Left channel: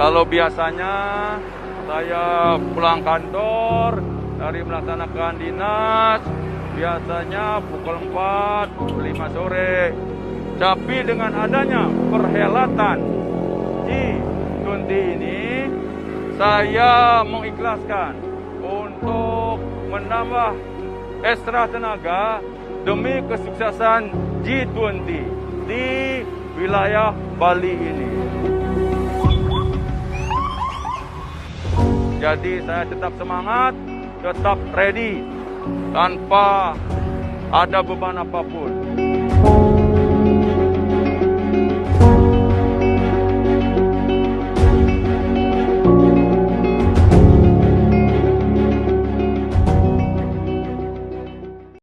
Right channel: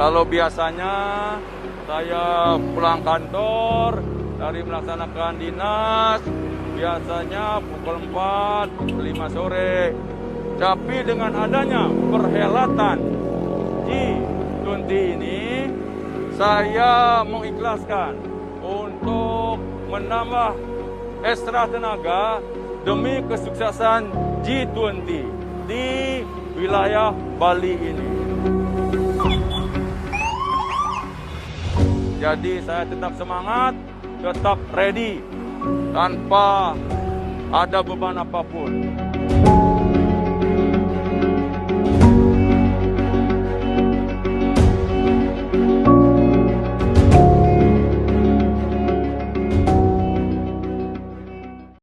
Kalau biasanya saya pulang kantor dari melaksanakan dinas, biasanya pukul 4, pukul 5 sore. Tapi dengan adanya perhelatan G20 ini, saya mengikhlaskan untuk menambah ekstra tenaga demi kesuksesan G20 di wilayah Bali ini. Jadi saya tetap semangat, tetap ready, tanpa ada beban apapun.